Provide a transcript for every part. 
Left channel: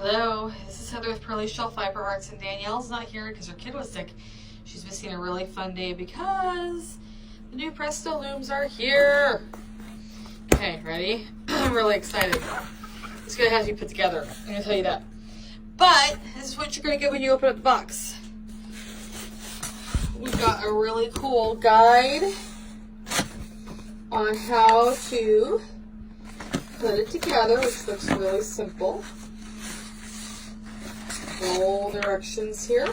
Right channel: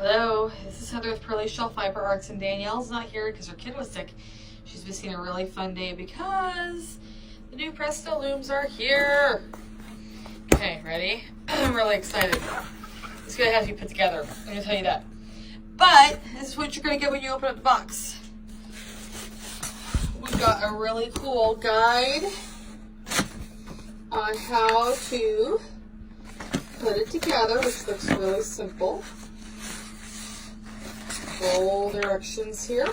Hello, this is Heather with Pearly Shell Fiber Arts, and Danielle's not here because her kid was sick. She's missing a really fun day because the new Presto looms are here. Okay, ready? I'm really excited. It's gonna have to be put together, I'm gonna tell you that. But this is what you're gonna get when you open up the box. We've got a really cool guide on how to put it together, which looks really simple. All directions here.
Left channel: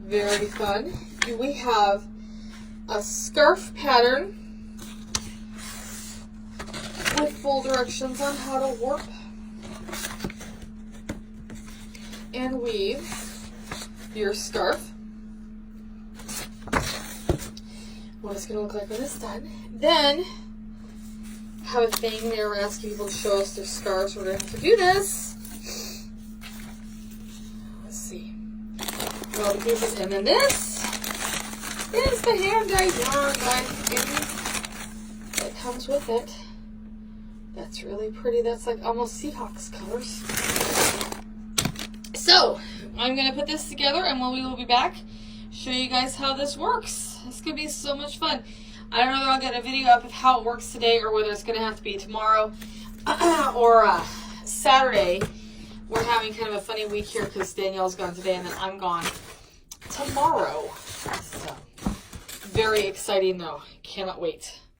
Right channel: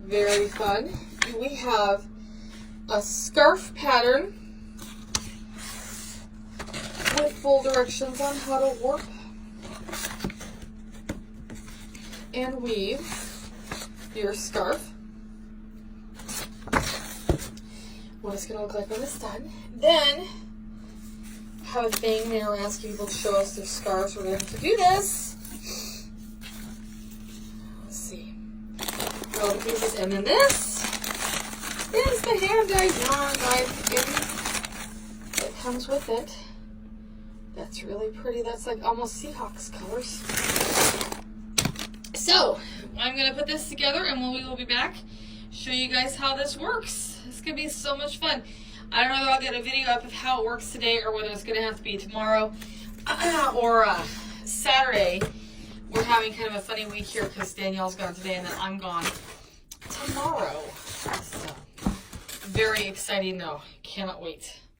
Very fun. We have a scarf pattern with full directions on how to warp and weave your scarf. What it's going to look like when it's done. Then I have a thing there. We're asking people to show us their scarves. We're going to have to do this. Let's see. All the pieces, and then this is the hand-dyed yarn that comes with it. That's really pretty. That's like almost Seahawks colors. So I'm gonna put this together, and when we will be back, show you guys how this works. This could be so much fun. I don't know if I'll get a video up of how it works today, or whether it's gonna have to be tomorrow or Saturday. We're having kind of a funny week here because Danielle's gone today and then I'm gone tomorrow. So, very exciting though. Cannot wait.